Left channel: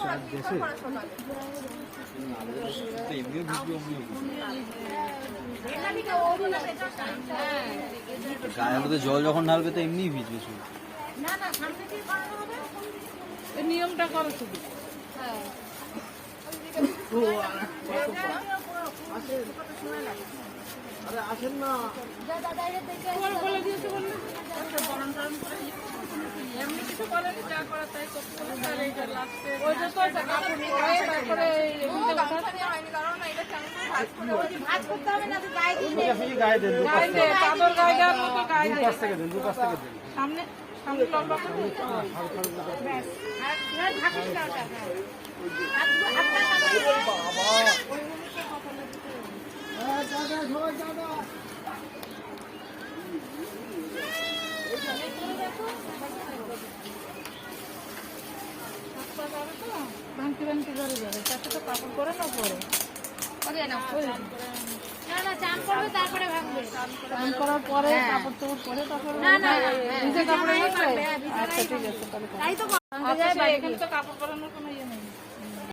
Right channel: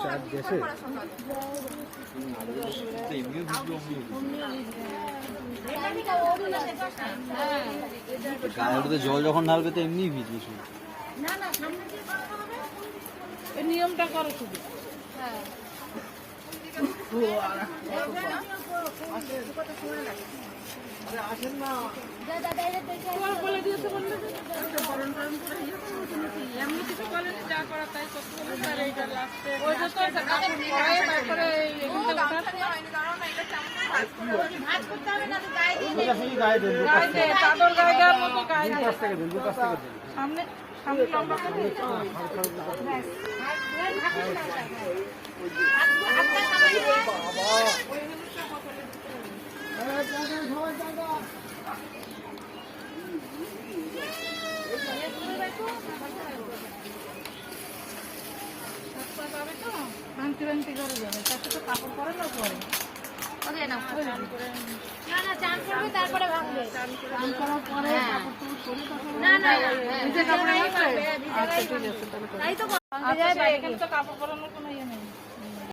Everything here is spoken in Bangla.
শার্ট গেছে গায়ে জল যখন ঢালবে তো এমনি ভিজবে। নিয়মটা করো শুধু। সামনে সামনে লম্বা করে ভাঙতি ভাঙতি করে যাবে, তাতে তো কাপড় করে না পরে চান করার পরে কাপড় টাপড় পরে নিজে কাপড় কাপড় পরানোর কোনো ইয়ে নেই।